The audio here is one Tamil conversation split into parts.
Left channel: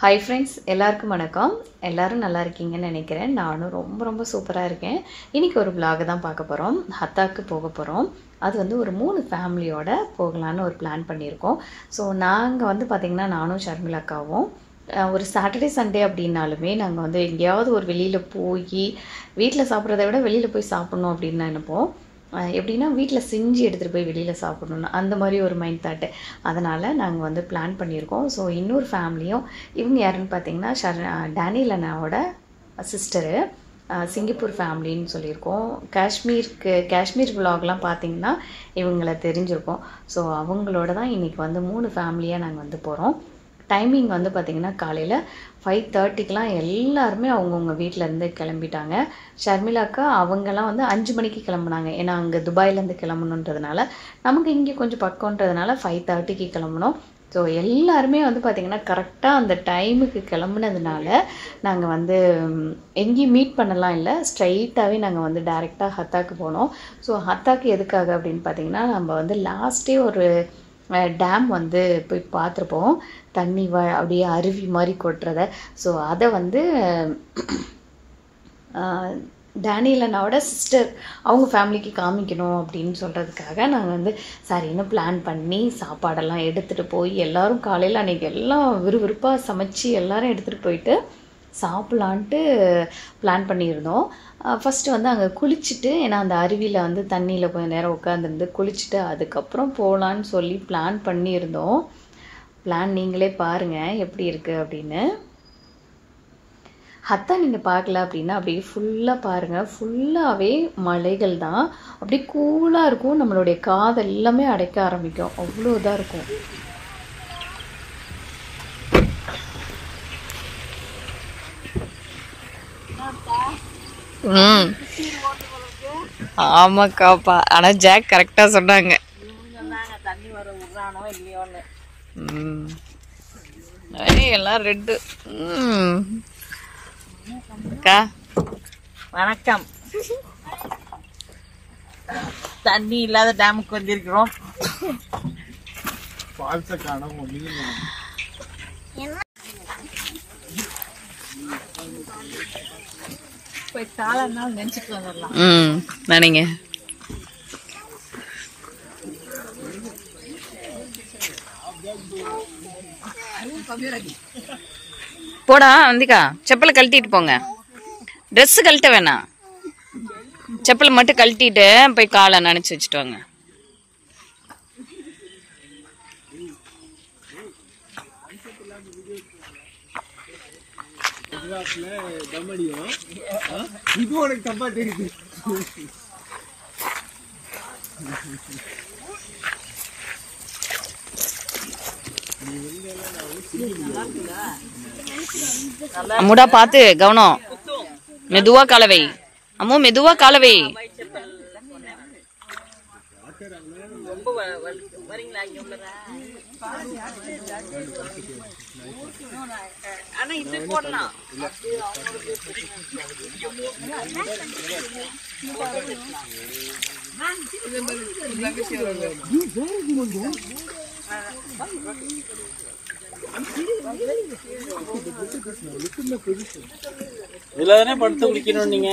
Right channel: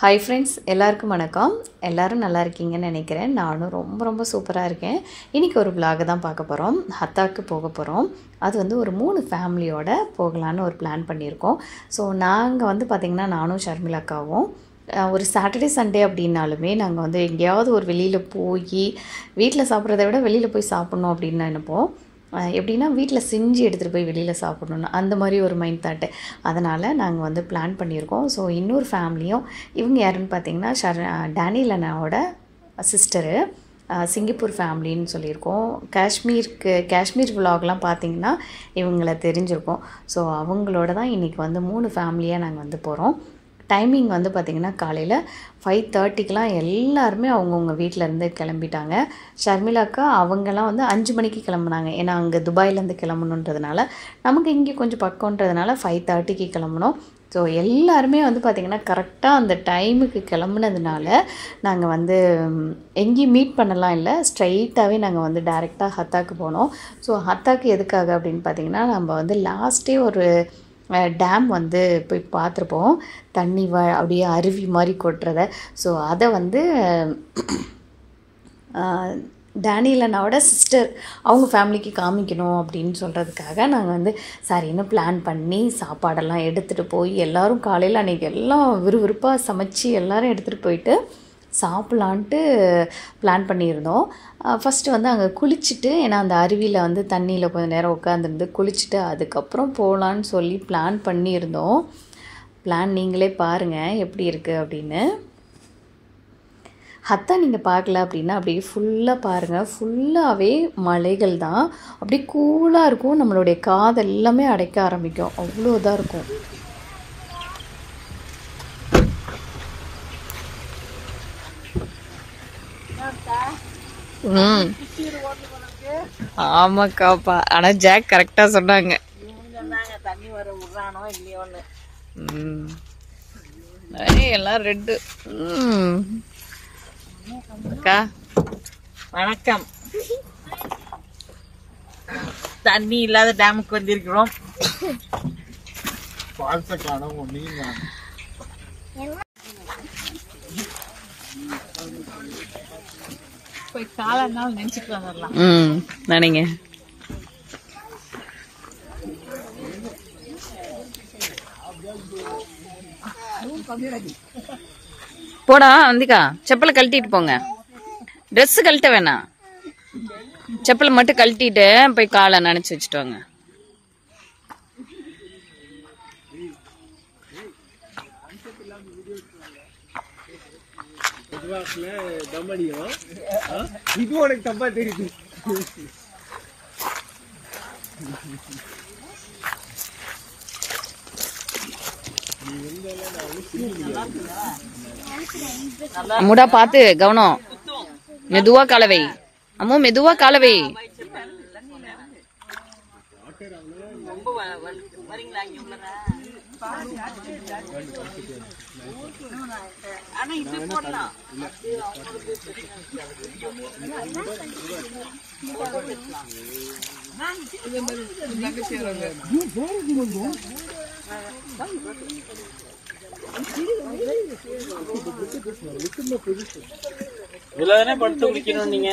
ஹாய் ஃப்ரெண்ட்ஸ், எல்லாருக்கும் வணக்கம். எல்லோரும் நல்லா இருக்கீங்கன்னு நினைக்கிறேன். நானும் ரொம்ப சூப்பராக இருக்கேன். இன்றைக்கி ஒரு vlog தான் பார்க்க போகிறோம். ஹத்தாக்கு போக போகிறோம். அது வந்து ஒரு 3 ஃபேமிலியோட போகலான்னு ஒரு பிளான் பண்ணியிருக்கோம். ஸோ நாங்கள் வந்து பார்த்திங்கன்னா நானும் ஷர்மிளாக்காவும் ஒரு சாட்டர்டே சண்டே அப்படின்னாலுமே நாங்கள் வந்து எங்கேயாவது ஒரு வெளியில் போய் வீட்டில் சாப்பிட்றத விட வெளியில் போய் சாப்பிட்ணும் அப்படின்னு நினைப்போம். எப்படின்னா வீட்டில் செஞ்சு எடுத்துகிட்டு போய் வெளியில் சாப்பிடணும், அந்த மாதிரி ஒரு மைண்ட் தாட்டு. அதனால் நாங்கள் வந்து பிளான் பண்ணியிருக்கோம். ஸோ இன்னொரு ஃபேமிலியும், இவங்க யாருன்னு பார்த்தீங்கன்னா டேனியல் அண்ணாவோட சிஸ்டரு, சிங்கப்பூர் ஃபேமிலின்னு சொல்லியிருக்கோம். காஷ்மீர் விலாக்லாம் பார்த்திங்கன்னா இவங்கள தெரிஞ்சிருக்கோம். ஸோ அவங்களோட தான் இன்றைக்கி வந்து 3 ஃபேமிலியாக நாங்கள் வந்து போகிறோம். டைமிங் வந்து பார்த்திங்கன்னா காலையில் 5:30க்கெலாம் எல்லாருமே அவங்கவுங்க வீட்டிலேருந்து கிளம்பிட்டாங்க. ஷர்மிளாக்கா அவங்கெல்லாம் வந்து 5 மணிக்கு கிளம்புனாங்க. ஏன்னா அங்கே துபாயிலேருந்து கிளம்பணுன்றதுனால, நமக்கு இங்கே கொஞ்சம் பக்கம்ன்றதுனால 5:30க்கு கிளம்புனோம். ஸோ எல்லாருமே வந்து பார்த்திங்கன்னா கரெக்டாக அந்த டைமுக்கு கிளம்புனதுனால நாங்கள் வந்து எங்கேயும் மீட் பண்ணலாம் இல்லை, ஸ்ட்ரைட்டாகவே நாங்கள் வந்து டைரெக்டாக ஹத்தாக்கு போனோம். ஸோ ஹத்தாக்கு எதுக்காக அப்படின்னு பார்த்திங்கன்னா, நம்ம வந்து லாஸ்ட்டே ஒரு டேம் வந்து போய் பார்த்துருப்போம், தண்ணி அப்படியே அருவி மாதிரி கொட்டுறத. ஸோ அதை வந்து டேனியல் அண்ணாவோட சிஸ்டர் அவங்க ஃபேமிலிக்கு காமிக்கணும் அப்படின்னு சொல்கிறதுக்காக நாங்கள் வந்து சரின்னு பிளான் பண்ணி சாப்பாடெல்லாம் எடுத்துகிட்டு போய் எல்லோரும் காலையில் அன்றைக்கி எல்லாம் விறுவிறுப்பாக சமைச்சு எல்லோரும் எடுத்துகிட்டு போயிட்டு சாப்பிட்லான்ட்டு பிளான் பண்ணியிருந்தோம். ஃபஸ்ட்டு வந்து அங்கே குளிச்சுட்டு, ஏன்னா அந்த அருவியில் வந்து தண்ணியில் கொஞ்சம் நேரம் உட்காந்துருந்து குளிச்சுட்டு அதுக்கப்புறம் போகலான்னு சொல்லி பிளான் பண்ணியிருந்தோம். பிளான் நீங்களே பாருங்கள் எப்படி இருக்குது அப்படின்னு. ஹத்தா நீங்கள் பார்க்கல அப்படின்னா அப்படியே ஃபுல்லாக பாருங்கள், ஃபுல்லாகவே மலைகள் தான். அப்படியே கூலாக இருக்கும், நம்மளுடைய காது எல்லாமே அடைக்க ஆரம்பிக்கும், அவ்வளோ இதாக இருக்கும். ஆமாக்காப்பா, ஆனா ஜாக் கரெக்டா சொன்னாங்க. தண்ணி வர விடுறானோ இல்லையோன்னு. எல்லாம் ரெட்டு. அக்கா வணக்கம். தண்ணி இல்லாத டேமுக்கு வந்திருக்கிறோம். நினைச்சிட்டு வந்துடலாம். நினைங்க. போடா வந்திக்கா, செப்பலை கழட்டிட்டு போங்க. ட்ரெஸ் கழட்ட வேணாம், செப்பலை மட்டும் கழட்டிட்டு போய் காலை நனைச்சு வச்சுட்டு வாங்க. இது உனக்கு தப்பா தெரியுது. அம்முடா பாத்து கவனம், மெதுவா காலவை. அம்மு மெதுவா காலவை. இதுலதானே படுத்து குடிக்கணும் நீங்க.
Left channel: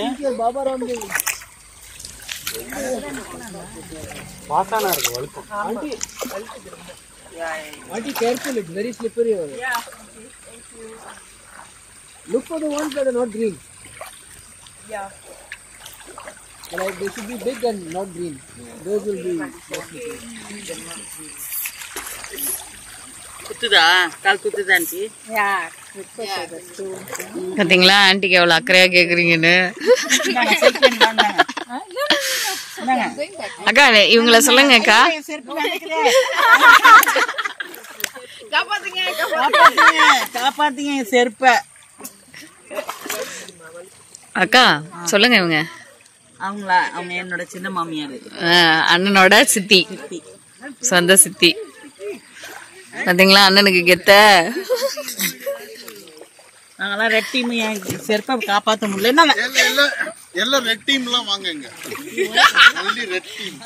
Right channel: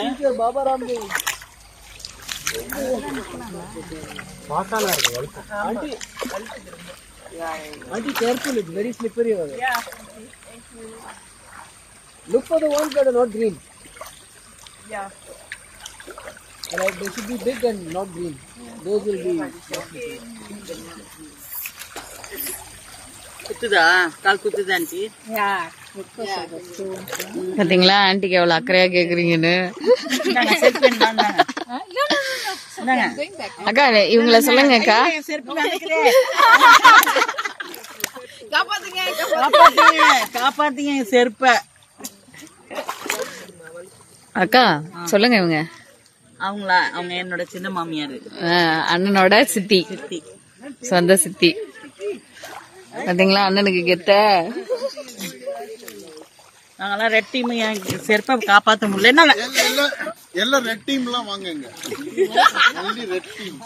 Auntie, careful, it's very slippery over there. Look for the ones that are not green. Yeah. Like they should be big and not green. Those will be. குத்துதா? கால் குத்துதா ஆண்டி? பாத்தீங்களா ஆண்டிக்கு எவ்வளவு அக்கறையா கேக்குறீங்கன்னு. அக்கா இவங்கள சொல்லுங்க அக்கா. காப்பாத்தீங்க செருப்ப. அக்கா சொல்லுங்க. இவங்க அவங்களா? அவங்க என்னோட சின்ன மாமியாரு, அண்ணனோட சித்தி, சொந்த சித்தி. பாத்தீங்களா அண்ணனுக்கு கெத்த. நாங்கெல்லாம் ரெட் டீம், என் செருப்பை காப்பாற்ற முடியல. எல்லாம் ரெட் டீம்லாம் வாங்குங்க. Only red team.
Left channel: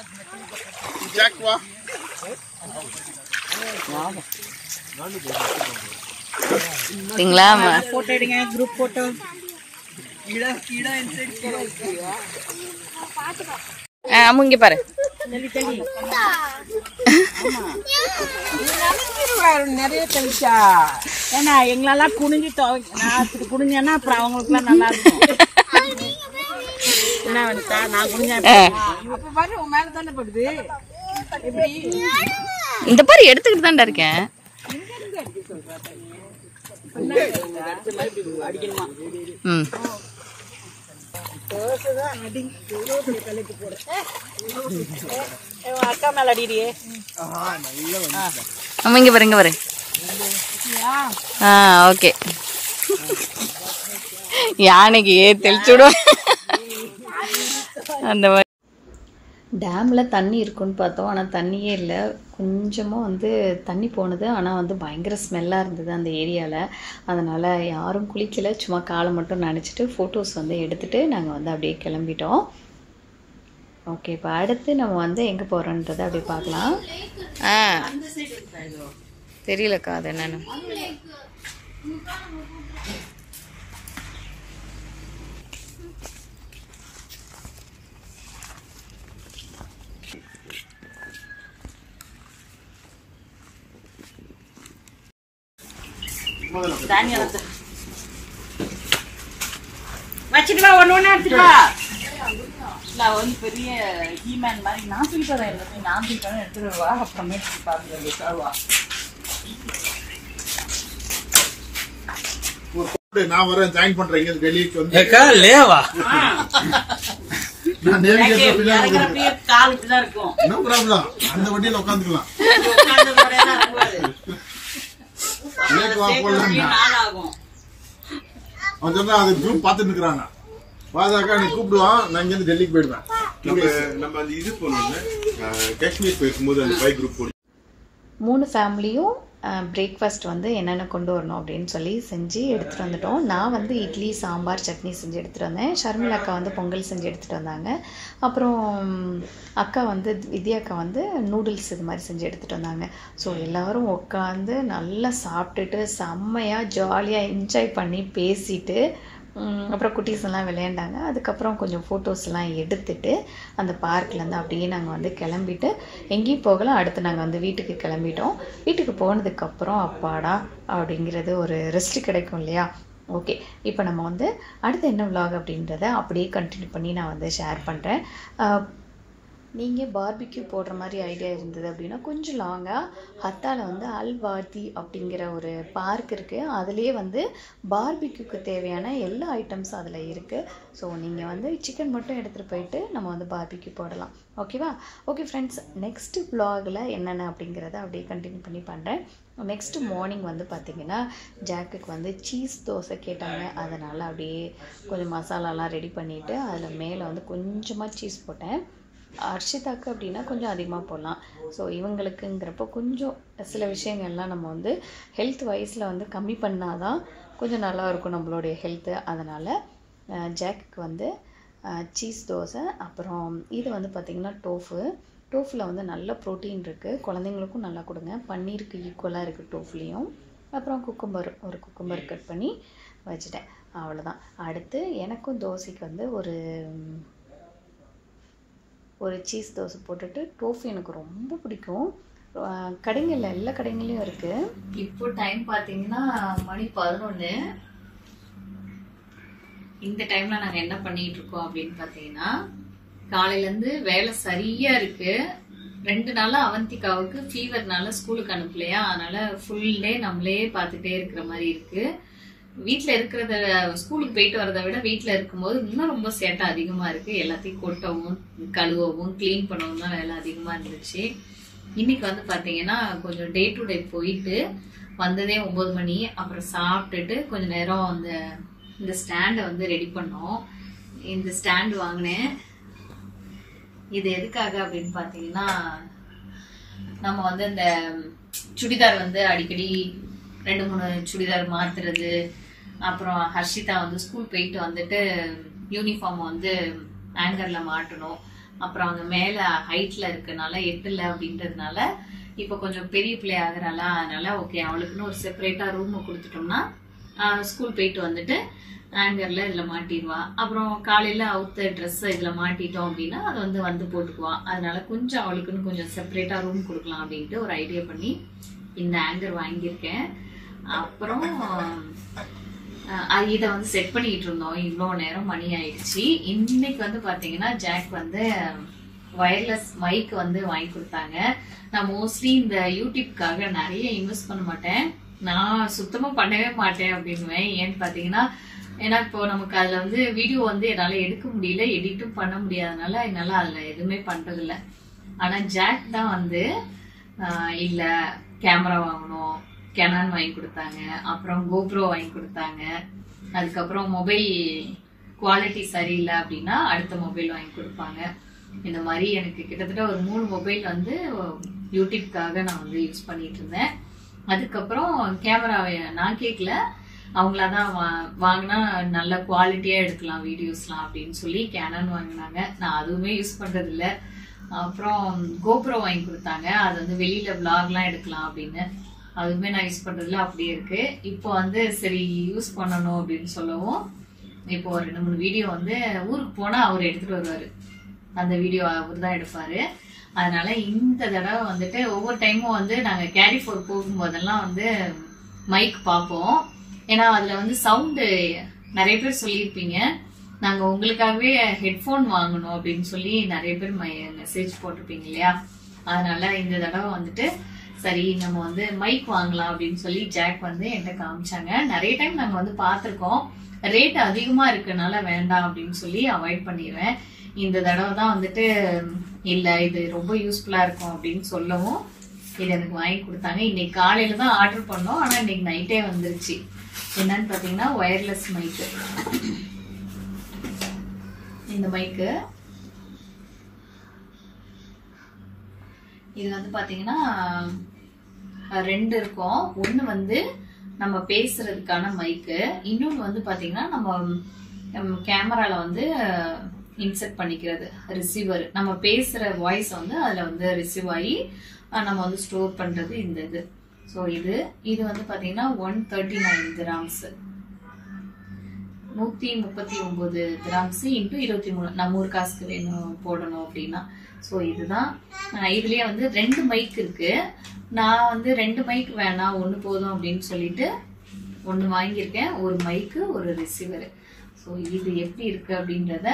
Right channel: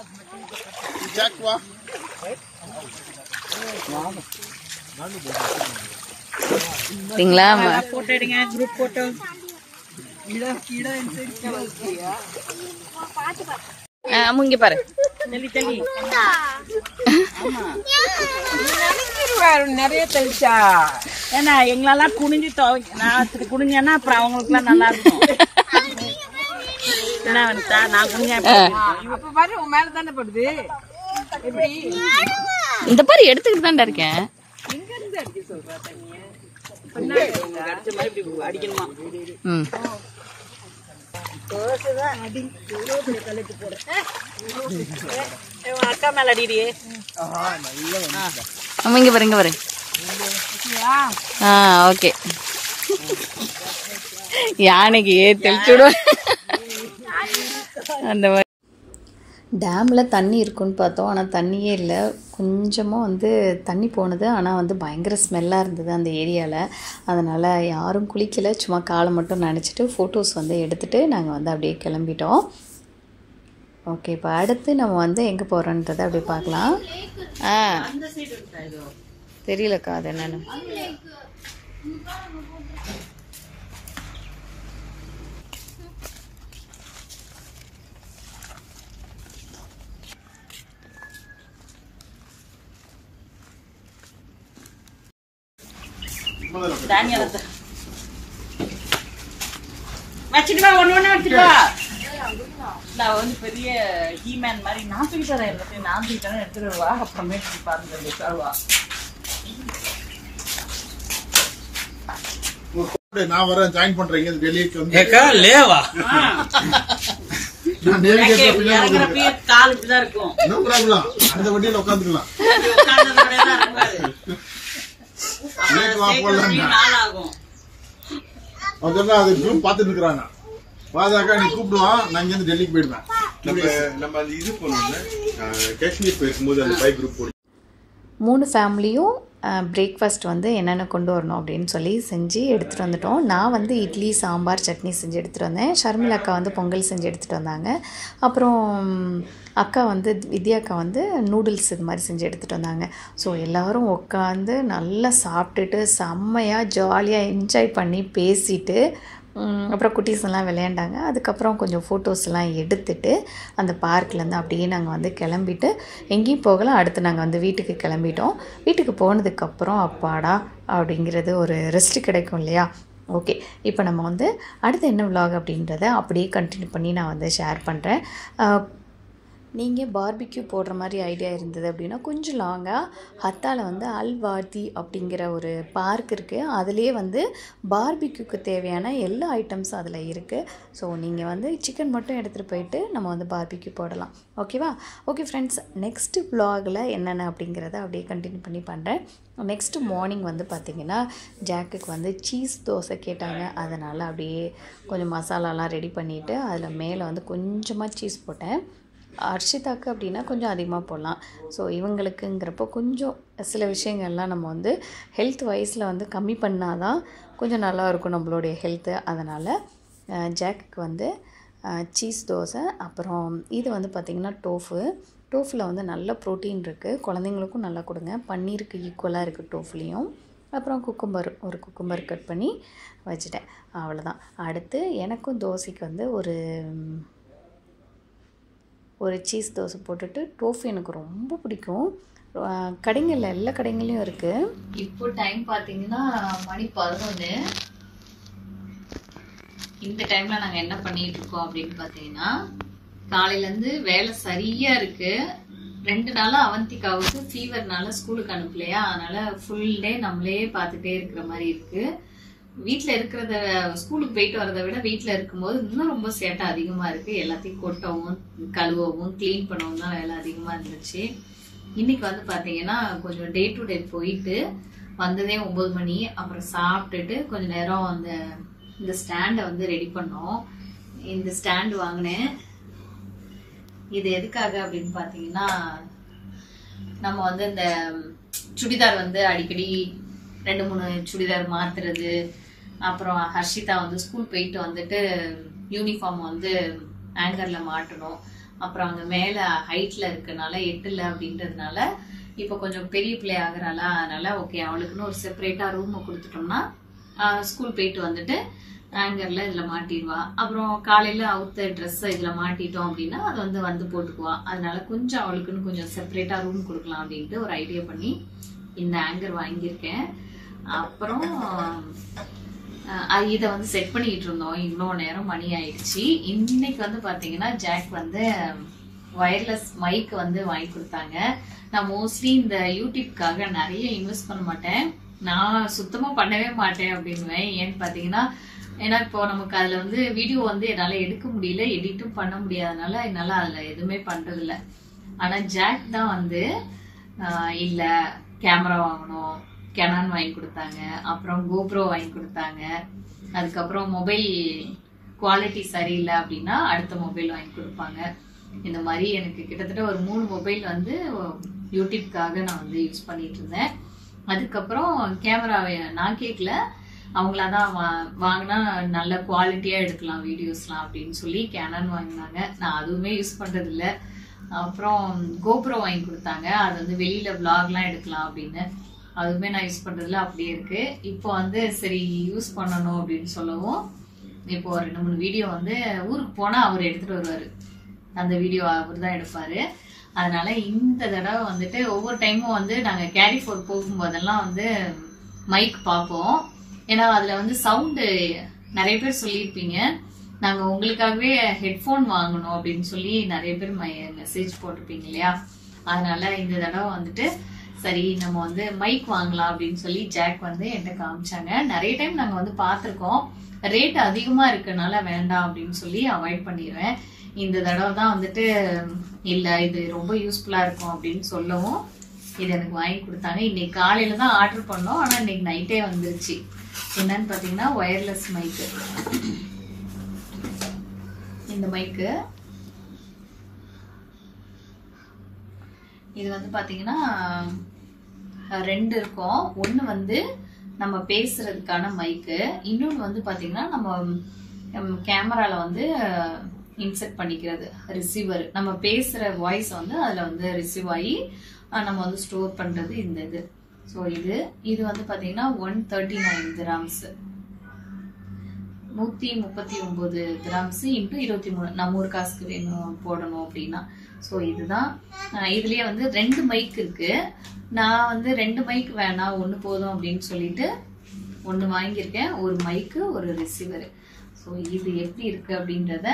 ஜாக் வா. சரிங்களா? போட்டோ எடுங்க, குரூப் போட்டோ. இங்க பாரு. நிறைய தெளிச்சா ஏன்னா எங்களெல்லாம் குனிஞ்சு குனிஞ்சேன்னா அப்புறம் அவங்களுக்கு எல்லாம் நல்லா இருக்கும். நான் குனிஞ்சேன் மேல தானே படுது. இந்த பாரு எடுத்துக்கிட்டு தான்டா இருக்கேன். அடிக்கணுமா? அக்கா மேல அடிடியே. இங்க பாரு, இங்க பாரு. ஓகே. யானைக்கு தெளிச்சு விடுவேன் அந்த மாதிரி. டேமில் தண்ணி இருக்குன்னு பார்த்தோம், ஆனால் தண்ணியே இல்லை. கொஞ்சமாக வந்து தண்ணி போனது, ஆனால் வந்து பயங்கர ஸ்மெல்லாக இருந்தது அந்த ஏரியாவில். அதனால் யாரும் குளிக்கலை, சும்மா காலை மட்டும் நனைச்சிட்டு ஃபோட்டோஸ் வந்து எடுத்துகிட்டு நாங்கள் வந்து அப்படியே கிளம்பிட்டோம். ஓகே, இப்போ அடுத்து நம்ம வந்து எங்கே போகிறோன்றதை அப்படியே பார்க்கலாம். தெரியலக்கா அது என்னென்னு. வச்சுட்டு ஒண்ணு எடுத்துட்டு வா. வந்து பெரிய ஹீமேன் மாதிரி நான் தூக்கிட்டு எல்லாத்தையும் நான் தூக்கிட்டேன் எடுத்துட்டு வா. அப்புறமே பாருங்க. நான் வரேன், ஜாயின் பண்றீங்க டெல்லிக்கு வந்து. கால் இப்படிதான் இருக்கும். அந்த வண்டியில உட்காந்துக்கலாம். அது ஜூம் பாத்துட்டு இருக்காங்க. பாதாக்கா நீ கூப்பிடுவான், நான் இங்க டெல்லிக்கு போயிடுவேன். நம்ம இது போனோம்னா காஷ்மீர் போயிருக்கும்போது அந்த பைக் குரூப் 3 ஃபேமிலியும் பிரேக்ஃபாஸ்ட் வந்து என்னென்ன கொண்டு வரணும் அப்படின்னு சொல்லி செஞ்சு எடுத்துகிட்டு வந்துட்டோம். நான் வந்து இட்லி, சாம்பார், சட்னி செஞ்சு எடுத்துகிட்டு வந்தேன். ஷர்மிளா அக்கா வந்து பொங்கல் செஞ்சு எடுத்துகிட்டு வந்தாங்க. அப்புறம் அக்கா வந்து வித்யா அக்கா வந்து நூடுல்ஸ் இது மாதிரி செஞ்சு எடுத்துகிட்டு வந்தாங்க. ஸோ எல்லோரும் உட்காந்து நல்லா சாப்பிட்டுட்டு செம்மையாக ஜாலியாக என்ஜாய் பண்ணி பேசிட்டு அப்புறம் குட்டீஸ் எல்லாம் விளையாண்டாங்க. அதுக்கப்புறம் கொஞ்சம் ஃபோட்டோஸ்லாம் எடுத்துட்டு அந்த பார்க்லேருந்து அப்படியே நாங்கள் வந்து கிளம்பிட்டு எங்கேயும் போகலாம். அடுத்து நாங்கள் வந்து வீட்டுக்கு கிளம்பிட்டோம். வீட்டுக்கு போனதுக்கப்புறம் அப்பாடா அப்படிங்கிறது ஒரு ரெஸ்ட் கிடைக்கும் இல்லையா. ஓகே, இப்போ நம்ம வந்து அடுத்து என்ன விலாக் அப்படின்றத அப்படியே கண்டினியூ பண்ணி நான் வந்து ஷேர் பண்ணுறேன். நீங்கள் பார்பிக்யூ போடுற மாதிரி ஐடியா இருந்தது அப்படின்னா கொஞ்சம் லாங்காக ஹத்தாவில் வந்து அல்வாதி அப்படிங்கிற ஒரு பார்க் இருக்குது. அதுலேயே வந்து பார்பிக்யூக்கு தேவையான எல்லா ஐட்டம்ஸும் அதில் இருக்குது. ஸோ நீங்கள் வந்து சிக்கன் மட்டும் எடுத்துகிட்டு போயிட்டு நம்ம வந்து பார்பிக்யூ போடலாம். ஓகேவா? ஓகே ஃப்ரெண்ட்ஸ், நெக்ஸ்ட்டு வ்ளாகில் என்னென்ன அப்படிங்கிறத அப்படியே கண்டினியூ பண்ணி பண்ணுறேன். நெக்ஸ்ட்டு மார்னிங் வந்து பார்த்திங்கன்னா ஜாக்குக்கு வந்து சீஸ் தோசை கேட்டாங்க. அதனால் அப்படியே கொஞ்சம் மசாலாலாம் ரெடி பண்ணிவிட்டு அதில் மேலே வந்து கொஞ்சமாக சீஸ் போட்டேன். அர்ஷிதாக்கு அப்படின்னா கொஞ்சம் அதிகமாக போடலாம். ஸோ இவங்களுக்குங்கிறப்போ கொஞ்சம் சில விஷயங்கள்லாம் நம்ம வந்து ஹெல்த் வைஸில் வந்து கம்மி பண்ணால் தான் கொஞ்சம் நல்லாயிருக்கும் நம்மளுடைய ஹெல்த்து. அதனால் ஜாக்குக்கு வந்து சீஸ் தோசை. அப்புறம் இது வந்து பார்த்திங்கன்னா டோஃபில் வந்து நல்ல ப்ரோட்டீன் இருக்குது, குழந்தைங்களுக்கும் நல்லா கொடுங்க. பன்னீருக்கு ஈக்குவலாக இருக்குது டோஃப்லேயும். அப்புறம் ஒரு குக்கும்பர் கட் பண்ணி வச்சுட்டேன். அவ்வளோதான். அடுத்து எனக்கும் தோசைக்கு வந்து ஒரு சீஸ் தோசை போட்டுட்டு டோஃபு எனக்கு ரொம்ப பிடிக்கும். கடைங்களில் எல்லா கடைங்களையும் இருக்குது. இப்போ டைம் பார்த்தீங்கன்னா மணி 11. இந்த டைமில் நாங்கள் என்ன பண்ணிகிட்டு இருக்கோம் அப்படின்னு பார்த்தீங்கன்னா காலையிலேருந்து வேலை சரியாக இருக்குது. 2 நாளாக அவந்திகாவுக்கு ஃபீவர்னால ஸ்கூலுக்கு அனுப்பலையா, அதனால் ஃபுல் டே நம்மளே பார்த்துட்டே இருக்கிற மாதிரி இருக்குது. வீட்டில் இருக்கிறத ஸ்கூலுக்கு போயிட்டு வரதை விட வீட்டில் இருக்கும்போது இன்னும் ரொம்ப சேட்டை அதிகமாக இருக்குது. எல்லாத்தையும் கொட்டவும் கழுவவும் க்ளீன் பண்ணவும் தான் வேலை அதிகமாக இருந்துச்சு. இன்னைக்கு வந்து பார்த்தீங்கன்னா கொஞ்சம் டே டு டே போயிட்டு வந்ததே 9 மணி. அப்புறம் சாப்பிட்டுட்டு கொஞ்சம் நேரம் இந்த ஸ்டாண்டை வந்து ரெடி பண்ணோம். இந்த ஸ்டாண்டு வாங்கினேன். இது எதுக்காக அப்படின்னு பார்த்தீங்கன்னா நம்ம வந்து இந்த சுடிதார் வந்து அடிக்கடி 2-3 சுடிதார் மாத்துறது, அப்புறம் ஹர்ஷிதா வந்து ஸ்கூல் போயிட்டு வந்துட்டு யூனிஃபார்ம் வந்து ஆங்கர்ல மாட்டணும். அப்புறம் அங்கே மேலே ஹைட்ல இருக்கனால எட்டல அப்படின்றதுனால இப்போ கொஞ்சம் பெரிய பிள்ளை ஆகுறாளா, அதனால ஓகே அவளுக்குன்னு ஒரு செப்பரேட்டா ரூம் கொடுத்துட்டோம்னா ஸ்கூல் போயிட்டு வந்துட்டு ஆங்கர்ல இதுல மாட்டிடுவா. அப்புறம் காலையில அவுத்த ட்ரெஸ் இதுல மாட்டிட்டோம் அப்படின்னா அது வந்து போட்டுக்குவா. அதனால கொஞ்சம் அவளுக்குன்னு கொஞ்சம் செப்பரேட்டா ரூம் கொடுக்கலாம் அப்படின்ட்டு ஒரு ஐடியா பண்ணி இந்த ஆங்கர் வாங்கியிருக்கேன். அப்புறம் இதை வந்து செட் பண்ணிட்டு இருந்தோம். இவ்வளோ நேரம் மணி ஆயிடுச்சு. இன்னைக்கு வந்து பாத்தீங்கன்னா ஜாக் வந்து வயர்லெஸ் மைக் வந்து வாங்கி கொடுத்தாங்க. நான் மோஸ்ட்லி இந்த யூடியூப்காக நிறைய இன்வெஸ்ட் பண்ண மாட்டேன், நான் சுத்தமா பண்ணவே மாட்டேன் அப்படின்னுவேன். ஏன்னு பாத்தீங்கன்னா ஏன்னா இப்போ நமக்கு அதுல வந்து வீடியோ வந்து என்னால எடுக்க முடியல, எடிட்டும் பண்ண முடியாதனால என்னால அதுல எதுவுமே பண்றது இல்ல. ஆனா ஜாக் தான் வந்து இல்ல கேமரா வாங்கணும், கெனான் வாங்கி கொடுத்தாங்க, அப்புறம் கோப்ரோ வாங்கி கொடுத்தாங்க. அதுக்கப்புறம் மொபைல் குவாலிட்டி சரியில்லை அப்படின்னா அடுத்த மொபைல் வாங்கி கொடுப்பாங்க. இந்த மாதிரி எனக்கு கிட்டத்தட்ட ஒரு 3 மொபைல் வந்து யூடியூப்காக நான் வந்து யூஸ் பண்ணிட்டு இருந்தேன். அதுக்கப்புறம் கேமராவை நான் கேட்கல, அவங்களாதான் வாங்கினா நல்ல குவாலிட்டியா எடுக்கலாம் வீடியோஸ்லாம் அப்படின்னு சொல்லி கேனான் வாங்கினாங்க. நான் அதுவுமே யூஸ் பண்றது இல்லை. அப்புறம் கோப்ரோ வாங்கி கொடுத்தாங்க, அது வந்து வெளியில விளாக்லாம் எடுக்கலாம் அப்படின்னு. அதுவுமே நான் யூஸ் பண்றதுல அப்படியே இருக்கு. இப்போ வந்து சரி யூஸ் பண்ணணும் அப்படின்னு சொல்லவும் இப்போ 2-3 வீடியோ வந்து ஊருக்கு போனா அவர் எடுத்துட்டு வருவாரு, அந்த வீடியோ அவர் தான் எடுப்பாரு. அதனால இந்த தடவை வந்துட்டு ஒவ்வொரு டைமும் வந்து நாங்க கேரி ஃபோர் போகும்போதெல்லாம் வந்து மைக் பார்ப்போம். ஏன்னா அதுல வந்து சவுண்டு நிறைய பேர் சொல்லியிருப்பீங்க, நாங்க உங்களுக்காகவே ஹெட்போன் வாங்கணும் அப்படின்னு சொல்லி நிறைய பேர் மெசேஜ் போட்டிருப்பீங்க இல்லையா. அதனால இந்த தடவை வந்துட்டு சரி நம்ம வந்து மைக் வாங்கலாம் அப்படின்னு சொல்லி ஜாக் வந்து என்கிட்ட காமிச்சாங்க. நிறைய டைம் நாங்க வந்து பார்த்திருக்கோம், ரேட் அதிகமா இருக்கனால வேண்டாம் அப்படின்னு சொல்லி அவாய்ட் பண்ணிடுவேன். இந்த தடவை தான் வந்துட்டு இல்ல இது ரொம்ப யூஸ்ஃபுல்லா இருக்கும் அப்படின்னு சொல்லவும் இது எனக்கு வாங்கி கொடுத்தாங்க. இன்னைக்கு காலையில தான் ஆர்டர் பண்ணோம், ஆனா இன்னைக்கு நைட்டே வந்துருச்சு. என்னன்னு பாத்தீங்கன்னா ஒயர்லெஸ் மைக்கு. இந்த மைக்கு இது வந்து பாத்தீங்கன்னா 2 இருக்கும். ஒண்ணு வந்து நம்ம பேசுறதுக்கான மைக்கு, இன்னொன்னு வந்து பாத்தீங்கன்னா நம்ம கேமரால வந்து இன்செர்ட் பண்ணிக்கிறது ரிசீவர். நம்ம பேசுற வாய்ஸ் வந்து அதுல வந்து ரிசீவ் ஆகி நம்ம வந்து ஸ்டோர் பண்றது இந்த இது. ஸோ இது வந்து பாத்தீங்கன்னா 139 dirhams, 139 dirhams into 23. நம்ம ஒரு காசுக்கு வேணும் போடணும் அப்படின்னா. ஸோ இதுதான். இதுலயே வந்து 2 மைக் இருக்கு. நான் வந்து 2 மைக் வேணாம், 1 போதும் அப்படின்னு சொல்லிட்டு 1 வாங்கியிருக்கேன், ஒரு மைக்கு ஒரு ரிசீவர். ஸோ இது எப்படி இருக்கு அப்படின்றத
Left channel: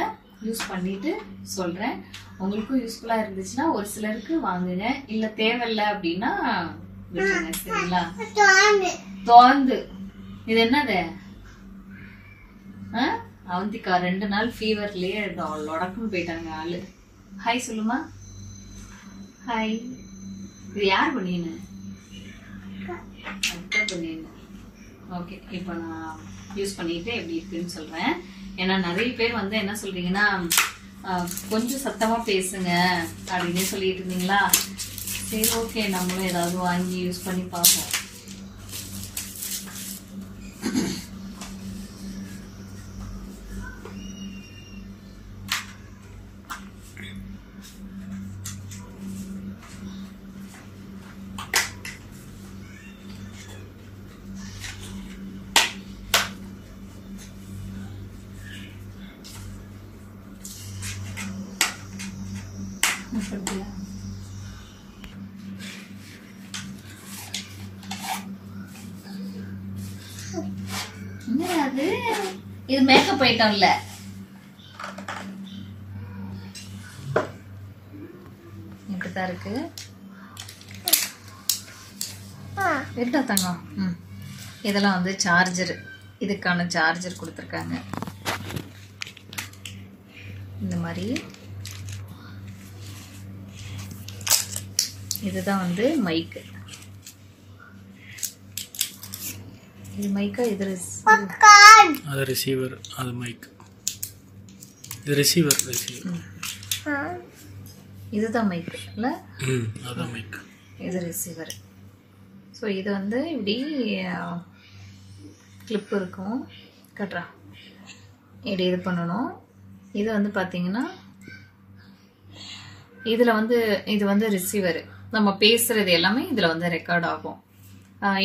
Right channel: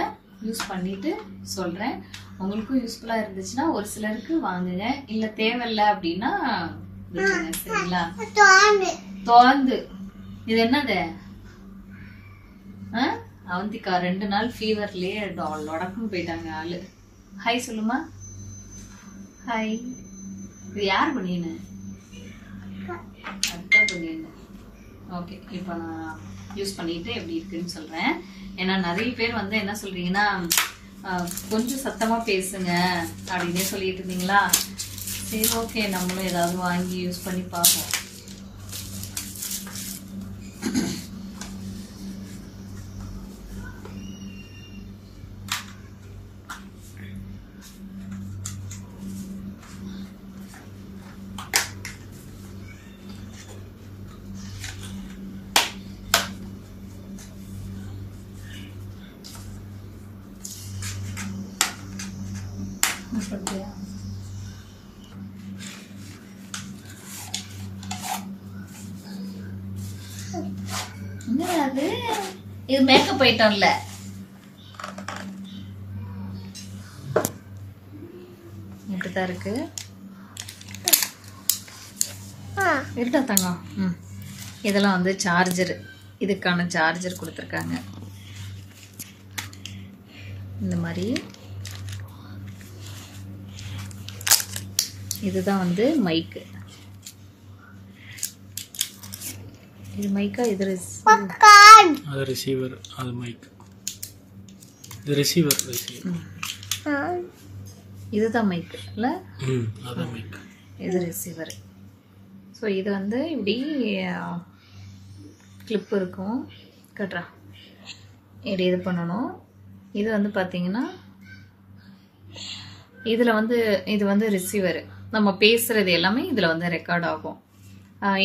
யூஸ் பண்ணிட்டு சொல்றேன். உங்களுக்கும் யூஸ்ஃபுல்லா இருந்துச்சுன்னா ஒரு சிலருக்கு வாங்குங்க, இல்ல தேவையில்லை அப்படின்னா சரிங்களா. தோந்து இது என்னது அவந்திக்கா 2 நாள் ஃபீவர்லயே லொடக்குன்னு போயிட்டாங்க ஆளு. ஹாய் சொல்லுமா. ஹாய். இது யார் பண்ணின்னு? அத்தை பண்ணின்னு. ஓகே, இப்போ நான் யூஸ் பண்ணிட்டு எப்படி இருக்குன்னு சொல்றேன். ஏன்னா நிறைய பேர் வந்து என்ன சொல்றீங்கன்னா கொஞ்சம் சத்தமா பேசுங்க அப்படின்னு சொல்லிட்டு இருந்தீங்களா. சரி ஓகே, நம்மளும் ஏதாவது வாங்கி யூஸ் பண்ணி பார்ப்போம். என்னது இது? மேக்கப் ஐட்டம்ல இப்படிதான் இருக்கு. இருக்கா தங்கம்? இதெல்லாம் வந்து சார்ஜர், இதுக்கான சார்ஜர் கொடுத்துருக்காங்க. இந்த மாதிரி இதுதான் வந்து மைக்கு. இது மைக்கா? இது அது ரிசீவர், அது மைக். இது ரிசீவர். இதுதான் மைக் இல்ல? அதான் மைக். இது ரிசீவர். ஸோ இது வந்து இப்படி கிளிப் இருக்கும், கட்டுறா இப்படி இது பண்ணணும். இது வந்து பார்த்தீங்கன்னா இதில் வந்து இது வந்து ரிசீவர். நம்ம பேசுறது எல்லாமே இதுல வந்து ரெக்கார்ட் ஆகும்.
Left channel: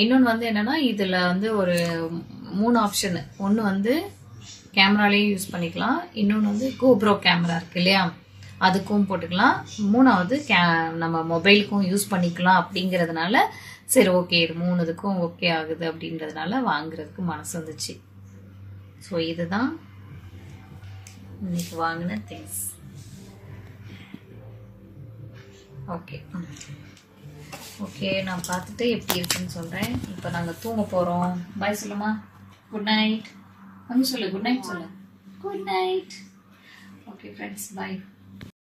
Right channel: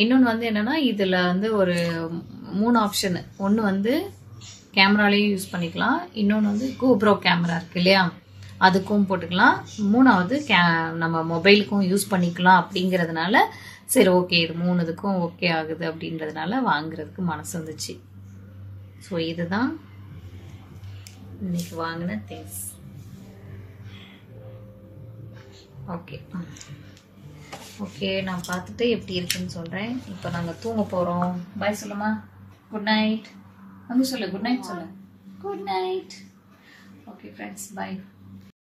இன்னொன்று வந்து என்னன்னா இதுல வந்து ஒரு 3 ஆப்ஷன். ஒன்று வந்து கேமராலேயும் யூஸ் பண்ணிக்கலாம், இன்னொன்று வந்து கோப்ரோ கேமரா இருக்கு இல்லையா, அதுக்கும் போட்டுக்கலாம், 3வது நம்ம மொபைலுக்கும் யூஸ் பண்ணிக்கலாம். அப்படிங்கறதுனால சரி ஓகே இது 3 இதுக்கும் ஓகே ஆகுது அப்படின்றதுனால வாங்குறதுக்கு மனசு வந்துச்சு. ஸோ இதுதான் இன்னைக்கு வாங்கின திங்ஸ். ஓகே ஓகே, நான் பார்த்துட்டு எப்படி இருக்குன்னு சொல்றேன். இப்போ நாங்கள் தூங்க போறோம். பாய் சொல்லுமா. Good night. அங்கே சொல்லு குட் நைட் சொல்லு. Good night. ஓகே ஃப்ரெண்ட்ஸ், பாய்.